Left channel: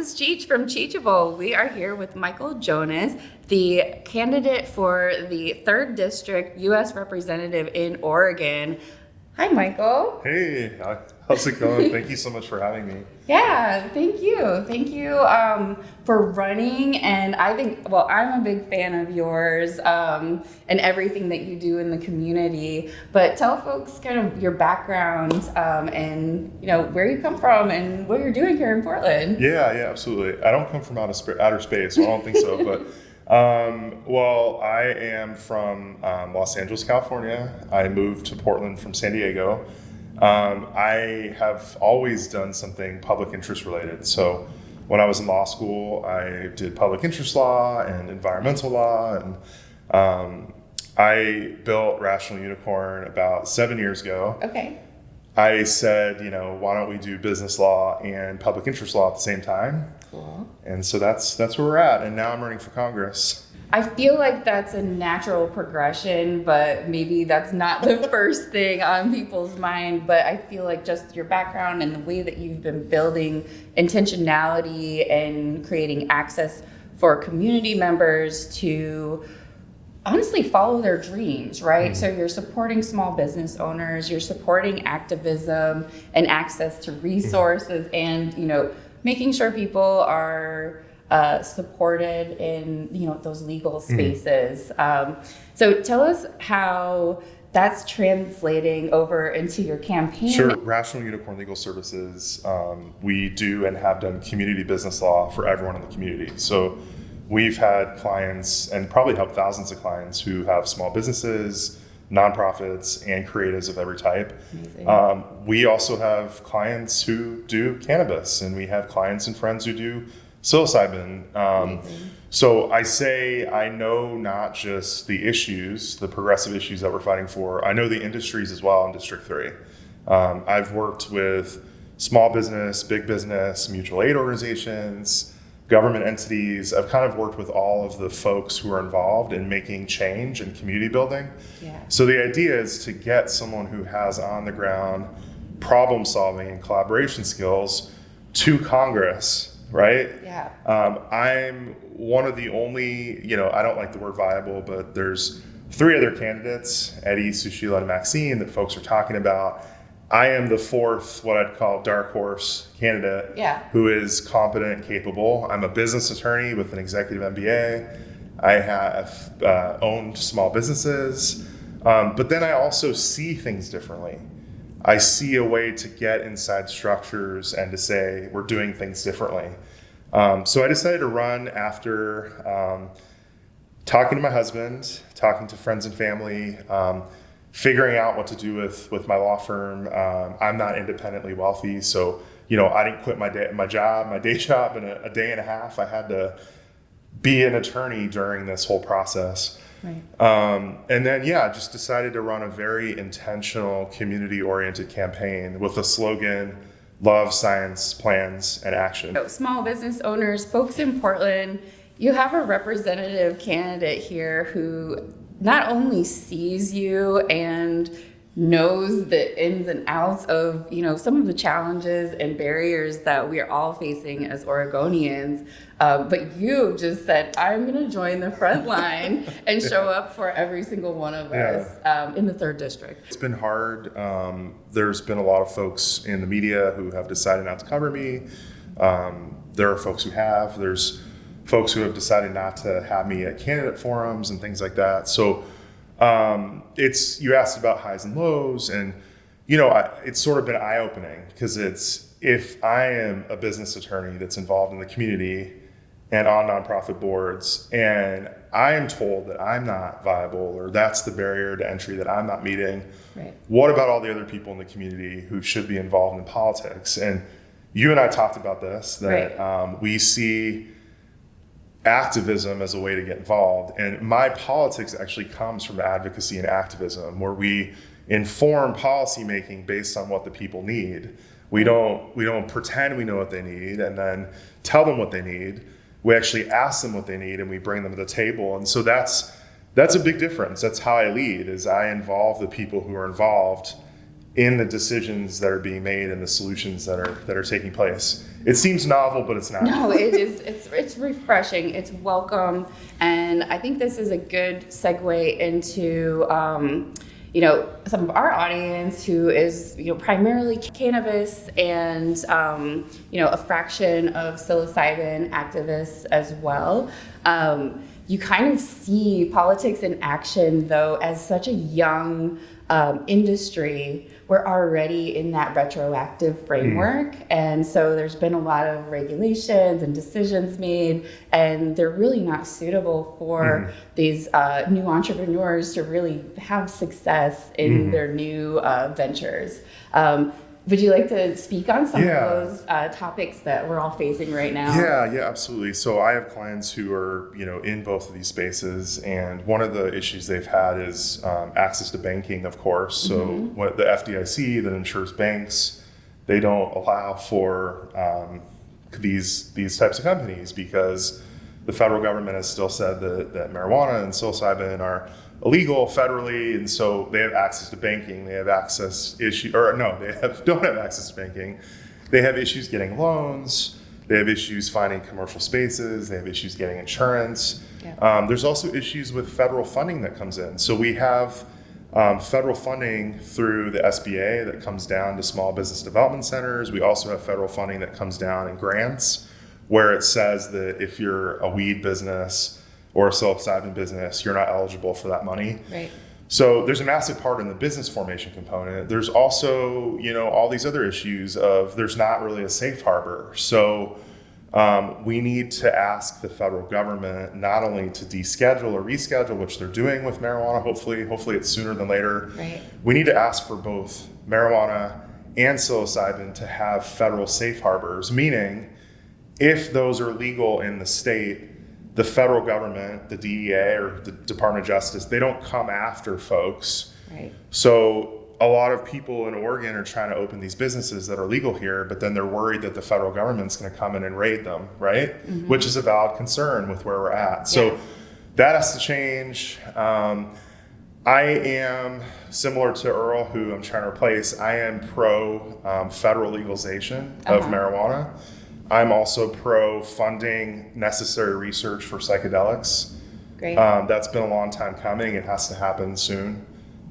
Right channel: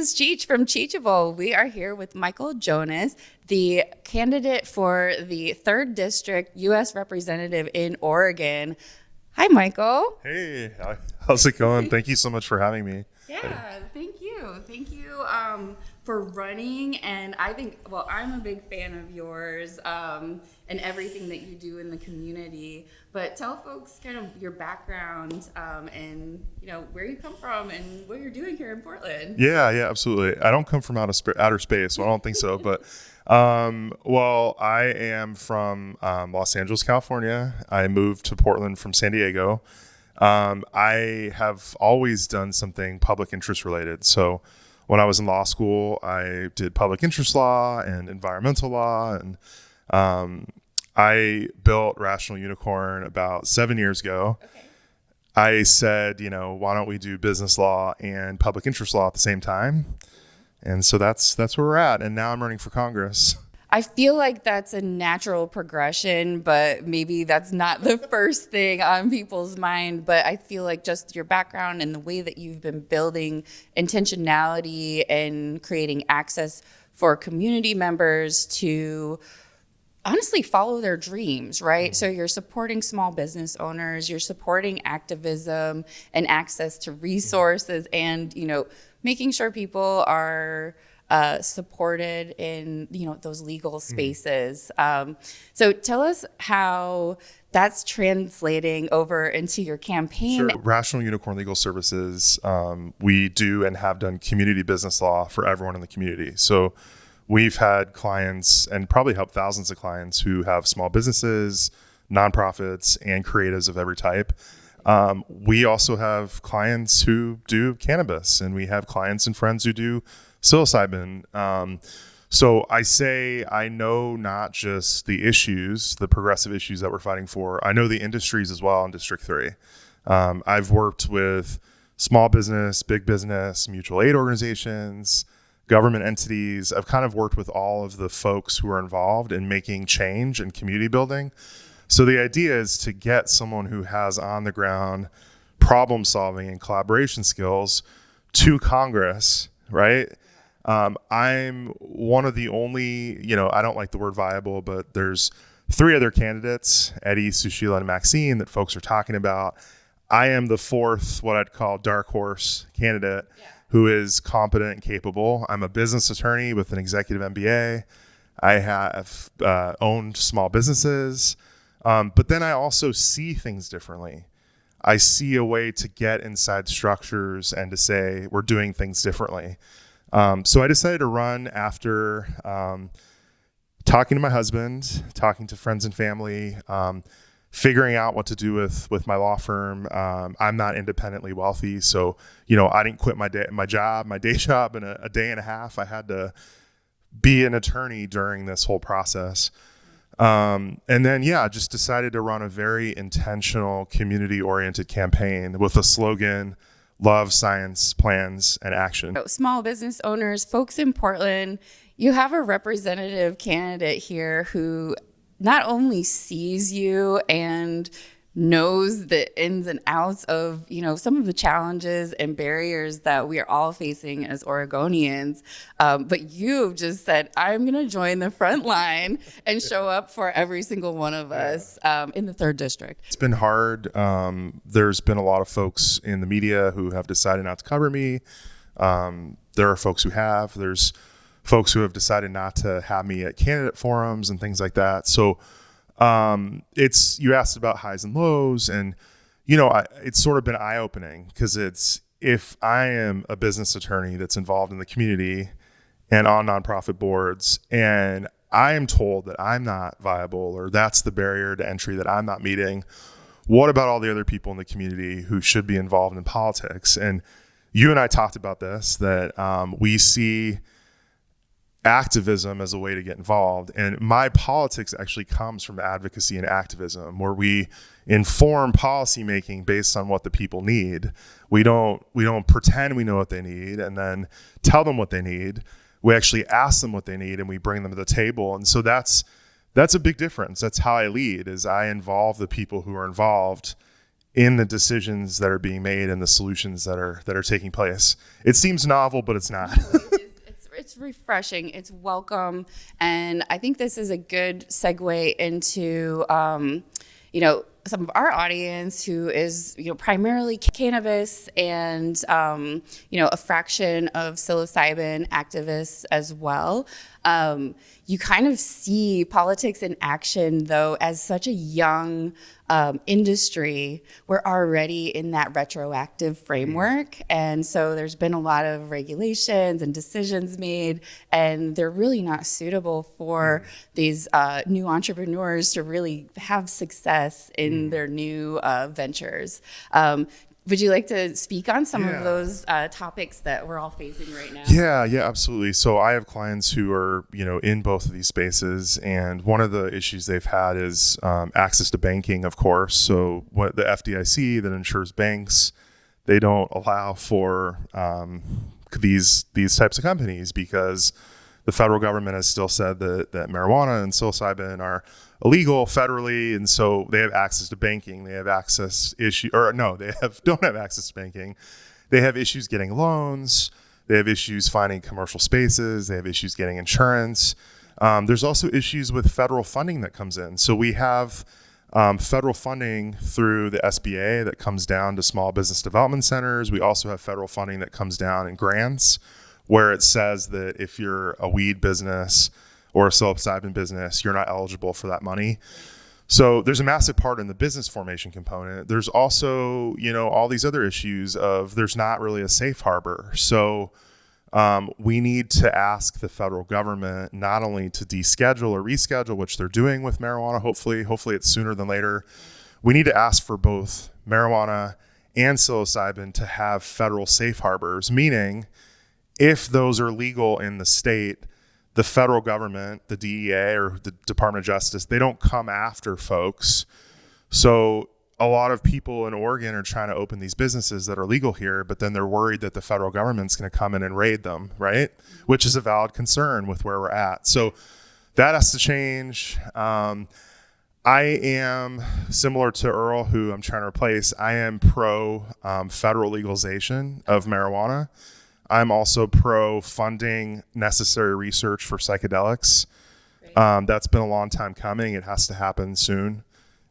is Cheech from Cheechable. We are here with Michael Jonas, the candidate for the 3rd District U.S. Representative in Oregon. Hi, Michael. Hey, how's it going? Thank you so much for having me. Yeah, thank you. Thank you for running. And I think, well, I'm a big fan of yours and everything that you do in the community. But tell folks kind of your background and, you know, where you come from and what you're doing here in Portland. Yeah, absolutely. I don't come from outer space, so I don't think so. But, well, I am from Los Angeles, California. I moved to Portland from San Diego. I have always done something public interest related. So when I was in law school, I did public interest law and environmental law. And I built Rational Unicorn about 7 years ago. Okay. I said, why don't we do business law and public interest law at the same time? Cool. And so that's where we're at. And now I'm running for Congress. I feel like that's a natural progression, but maybe that's not the first thing on people's mind. But I feel like just your background and the way that you've been building intentionality and creating access for community members to honestly follow their dreams, right? Mm-hmm. So you're supporting small business owners, you're supporting activism and access to resources, and, making sure people are supported in those legal spaces. So tell us how that's translating over into your campaign. Sure. Rational Unicorn Legal Services, we do and have done community business law for everyone in the community. So we've had clients and probably helped thousands of clients who have small businesses, nonprofits, and creatives of every type. We also have clients who do cannabis, and we have clients and friends who do psilocybin. So I say I know not just the issues, the progressive issues that we're fighting for, I know the industries as well in District 3. I've worked with small business, big business, mutual aid organizations, government entities. I've kind of worked with all of the folks who are involved in making change and community building. Yeah. So the idea is to get someone who has on the ground problem solving and collaboration skills to Congress, right? Yeah. I'm one of the only, I don't like the word viable, but there's 3 other candidates, Eddie, Sushila, and Maxine, that folks are talking about. I am the 4th, what I'd call dark horse candidate, who is competent and capable. I'm a business attorney with an executive MBA. I have owned small businesses, but then I also see things differently. I see a way to get inside structures and to say we're doing things differently. So I decided to run after talking to my husband, talking to friends and family, figuring out what to do with my law firm. I'm not independently wealthy, so I didn't quit my day job in a day and a half. I had to be an attorney during this whole process. Right. And then just decided to run a very intentional, community-oriented campaign with a slogan: love, science, plans, and action. Small business owners, folks in Portland, you have a representative candidate here who not only sees you and knows the ins and outs of, some of the challenges and barriers that we are all facing as Oregonians, but you just said, I'm going to join the front line and show up for every single one of us in the 3rd District. It's been hard. There's been a lot of folks in the media who have decided not to cover me. There are folks who have. There's folks who have decided not to have me at candidate forums and things like that. So you asked about highs and lows, and it's sort of been eye-opening, because if I am a business attorney that's involved in the community and on nonprofit boards, and I am told that I'm not viable, or that's the barrier to entry that I'm not meeting, right, what about all the other people in the community who should be involved in politics? And you and I talked about this, that right, we see activism as a way to get involved. And my politics actually comes from advocacy and activism, where we inform policymaking based on what the people need. We don't pretend we know what they need and then tell them what they need. We actually ask them what they need and we bring them to the table. And so that's a big difference. That's how I lead, is I involve the people who are involved in the decisions that are being made and the solutions that are taking place. It seems novel, but it's not. No, it is. It's refreshing. It's welcome, and I think this is a good segue into some of our audience who is primarily cannabis and a fraction of psilocybin activists as well. You kind of see politics in action, though, as such a young industry. We're already in that retroactive framework. And so there's been a lot of regulations and decisions made, and they're really not suitable for these new entrepreneurs to really have success in their new ventures. Would you like to speak on some of those topics that we're all facing right now? Yeah, absolutely. So I have clients who are, in both of these spaces, and one of the issues they've had is access to banking, of course. So what the FDIC that insures banks, they don't allow for these types of companies because the federal government has still said that marijuana and psilocybin are illegal federally, and so they have access to banking. They have don't have access to banking. They have issues getting loans. They have issues finding commercial spaces. They have issues getting insurance. Yeah. There's also issues with federal funding that comes in. So we have federal funding through the SBA that comes down to small business development centers. We also have federal funding that comes down in grants, where it says that if you're a weed business or a psilocybin business, you're not eligible for that money. Right. So there's a massive part in the business formation component. There's also, all these other issues of there's not really a safe harbor. So we need to ask the federal government not only to deschedule or reschedule, which they're doing with marijuana, hopefully it's sooner than later. Right. We need to ask for both marijuana and psilocybin to have federal safe harbors, meaning if those are legal in the state, the federal government, the DEA or the Department of Justice, they don't come after folks. Right. So a lot of people in Oregon are trying to open these businesses that are legal here, but then they're worried that the federal government's going to come in and raid them, right? Which is a valid concern with where we're at. So that has to change. I am, similar to Earl, who I'm trying to replace, I am pro federal legalization of marijuana. I'm also pro funding necessary research for psychedelics. Great. That's been a long time coming. It has to happen soon.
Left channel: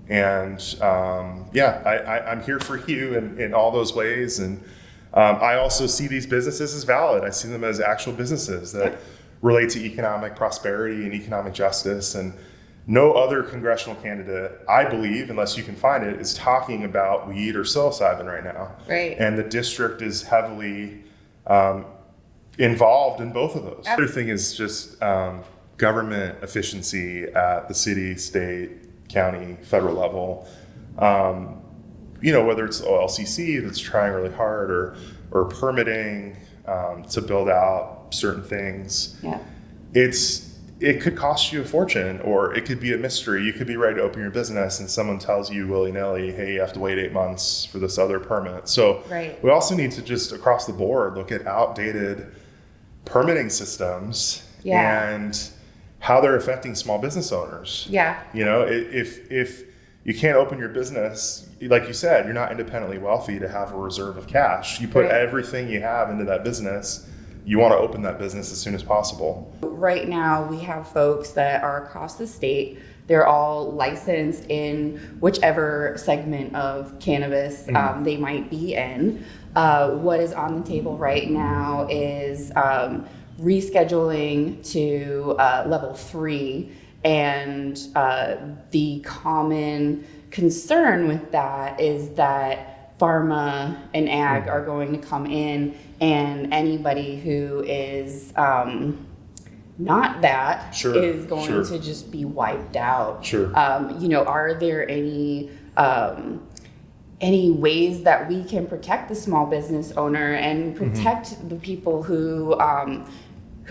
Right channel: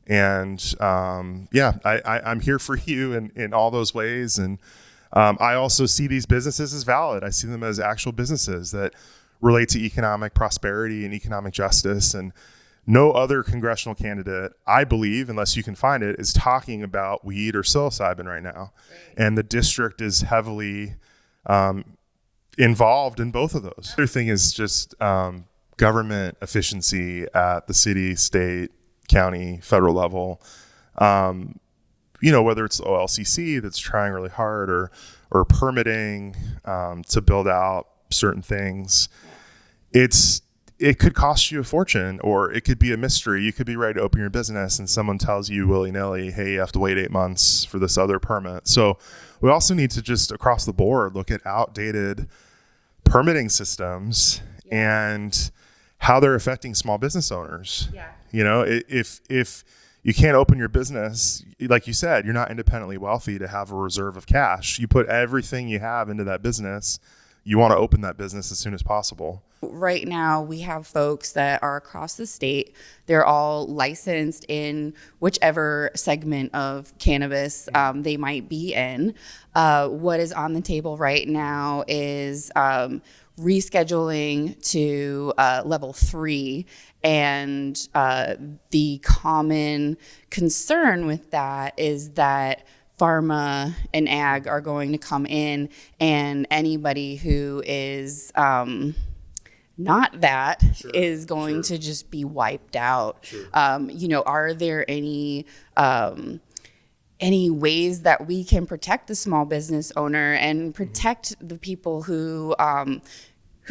And I'm here for you in all those ways. And I also see these businesses as valid. I see them as actual businesses that relate to economic prosperity and economic justice. And no other congressional candidate, I believe, unless you can find it, is talking about weed or psilocybin right now. Right. And the district is heavily involved in both of those. The other thing is just government efficiency at the city, state, county, federal level. Whether it's OLCC that's trying really hard or permitting to build out certain things. Yeah. It could cost you a fortune, or it could be a mystery. You could be ready to open your business and someone tells you willy-nilly, hey, you have to wait 8 months for this other permit. So we also need to just across the board look at outdated permitting systems and how they're affecting small business owners. Yeah. If you can't open your business, like you said, you're not independently wealthy to have a reserve of cash. You put everything you have into that business. You want to open that business as soon as possible. Right now, we have folks that are across the state. They're all licensed in whichever segment of cannabis they might be in. What is on the table right now is rescheduling to level 3. And the common concern with that is that pharma and ag are going to come in, and anybody who is not that is going to just be wiped out. Are there any ways that we can protect the small business owner and protect the people who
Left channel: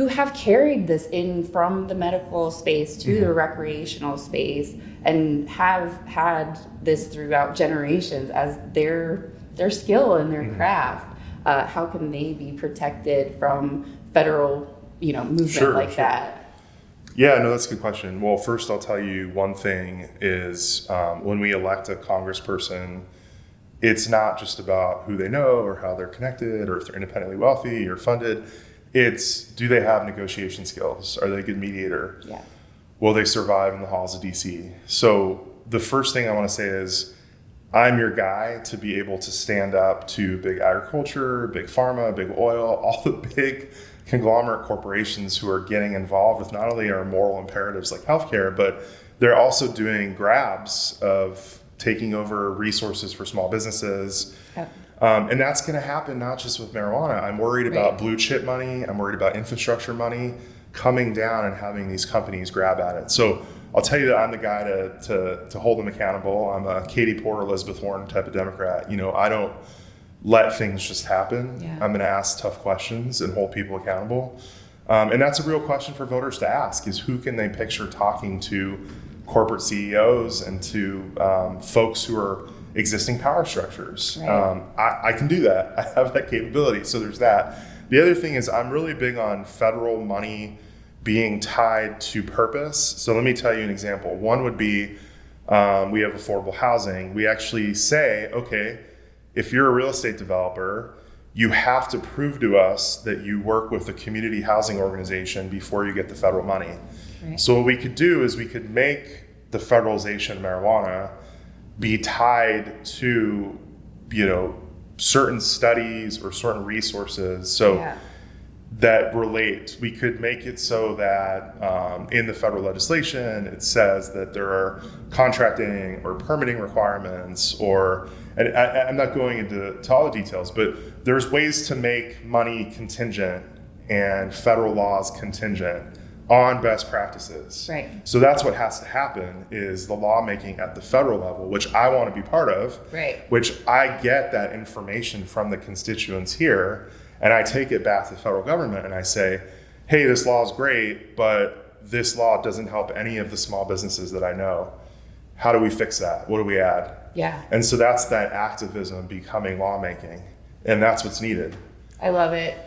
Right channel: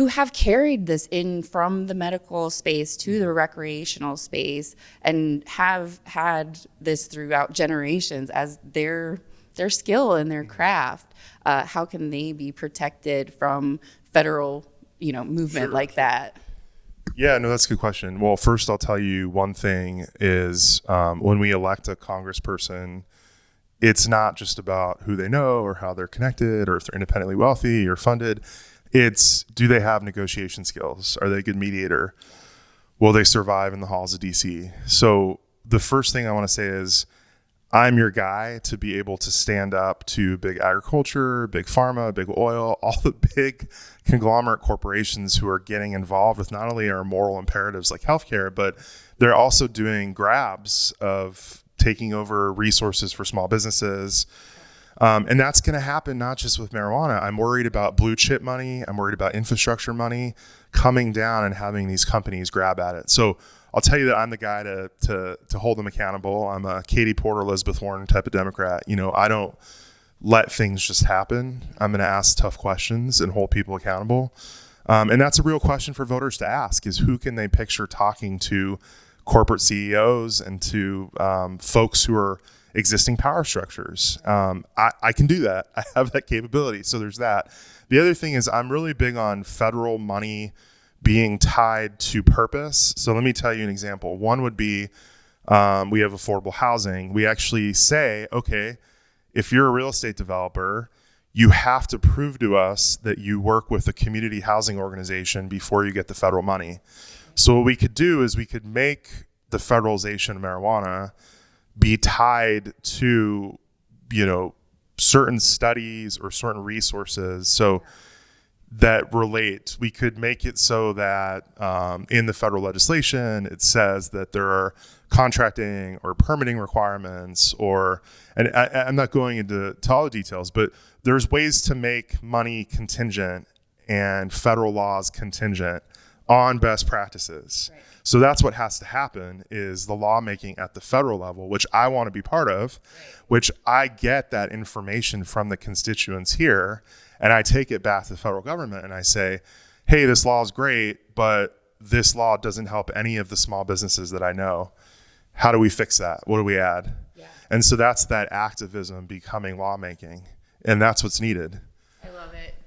have carried this in from the medical space to the recreational space and have had this throughout generations as their skill and their craft? How can they be protected from federal, movement that? Yeah, no, that's a good question. Well, first I'll tell you one thing is when we elect a congressperson it's not just about who they know or how they're connected or if they're independently wealthy or funded. It's, do they have negotiation skills? Are they a good mediator? Yeah. Will they survive in the halls of DC? So the first thing I want to say is, I'm your guy to be able to stand up to big agriculture, big pharma, big oil, all the big conglomerate corporations who are getting involved with not only our moral imperatives like healthcare, but they're also doing grabs of taking over resources for small businesses. Yep. And that's going to happen not just with marijuana. I'm worried about blue chip money. I'm worried about infrastructure money coming down and having these companies grab at it. So I'll tell you that I'm the guy to hold them accountable. I'm a Katie Porter, Elizabeth Warren type of Democrat. You know, I don't let things just happen. Yeah. I'm going to ask tough questions and hold people accountable. And that's a real question for voters to ask, is who can they picture talking to corporate CEOs and to folks who are existing power structures. Right. I can do that. I have that capability. So there's that. The other thing is, I'm really big on federal money being tied to purpose. So let me tell you an example. One would be, we have affordable housing. We actually say, okay, if you're a real estate developer, you have to prove to us that you work with a community housing organization before you get the federal money. Right. So what we could do is we could make the federalization of marijuana be tied to, you know, certain studies or certain resources. So that relate. We could make it so that in the federal legislation, it says that there are contracting or permitting requirements, or, and I'm not going into all the details, but there's ways to make money contingent and federal laws contingent on best practices. Right. So that's what has to happen, is the lawmaking at the federal level, which I want to be part of, right, which I get that information from the constituents here, and I take it back to the federal government and I say, hey, this law is great, but this law doesn't help any of the small businesses that I know. How do we fix that? What do we add? Yeah. And so that's that activism becoming lawmaking, and that's what's needed. I love it.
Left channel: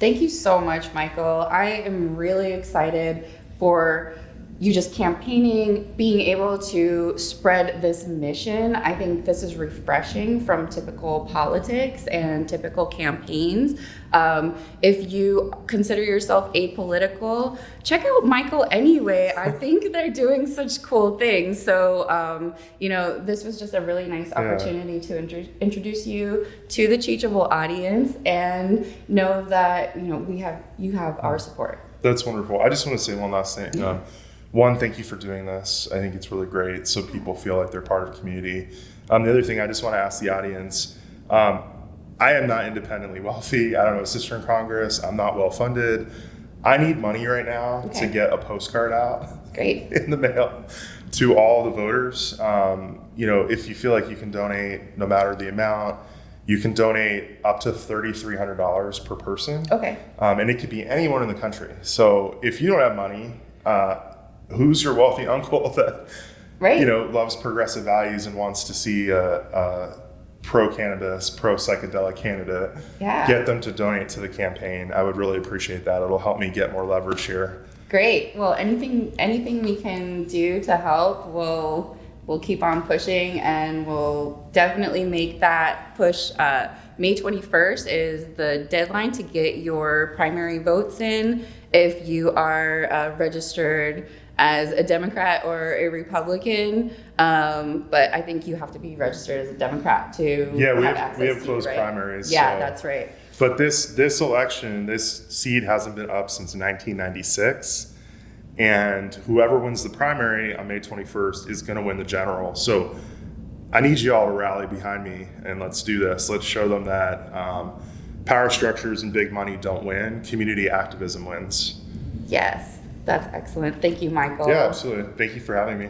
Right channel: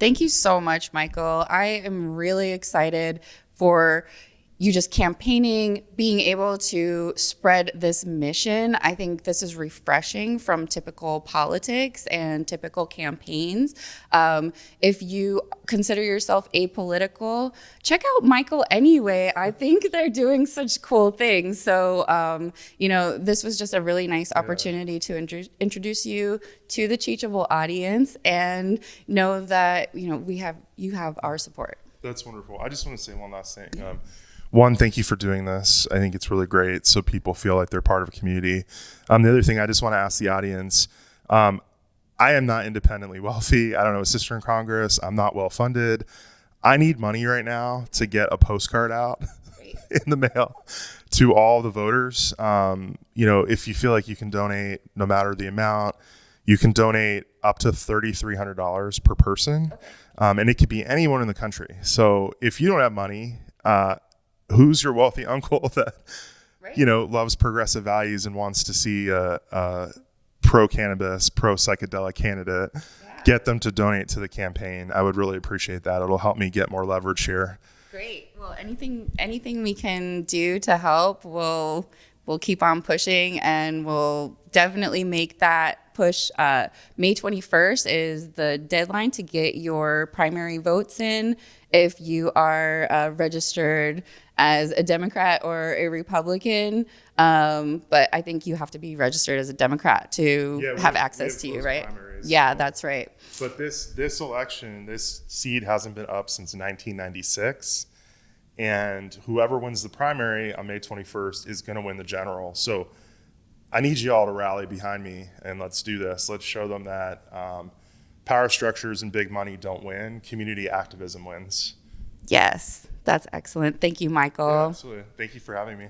Thank you so much, Michael. I am really excited for you just campaigning, being able to spread this mission. I think this is refreshing from typical politics and typical campaigns. If you consider yourself apolitical, check out Michael anyway. I think they're doing such cool things. So, you know, this was just a really nice opportunity to introduce you to the Teachable audience, and know that, you know, you have our support. That's wonderful. I just want to say one last thing. One, thank you for doing this. I think it's really great, so people feel like they're part of a community. The other thing, I just want to ask the audience, I am not independently wealthy. I don't have a sister in Congress. I'm not well funded. I need money right now to get a postcard out in the mail to all the voters. You know, if you feel like you can donate, no matter the amount, you can donate up to $3,300 per person. Okay. And it could be anyone in the country. So if you don't have money, who's your wealthy uncle that, you know, loves progressive values and wants to see a pro-cannabis, pro-psychedelic candidate? Get them to donate to the campaign. I would really appreciate that. It'll help me get more leverage here. Great. Well, anything we can do to help, we'll keep on pushing, and we'll definitely make that push. May 21st is the deadline to get your primary votes in if you are registered as a Democrat or a Republican. But I think you have to be registered as a Democrat to have access to you, right? Primaries, yeah, so. That's right. But this election, this seat hasn't been up since 1996. And whoever wins the primary on May 21st is going to win the general. So I need you all to rally behind me, and let's do this. Let's show them that power structures and big money don't win. Community activism wins. Yes, that's excellent. Thank you, Michael. Yeah, absolutely. Thank you for having me.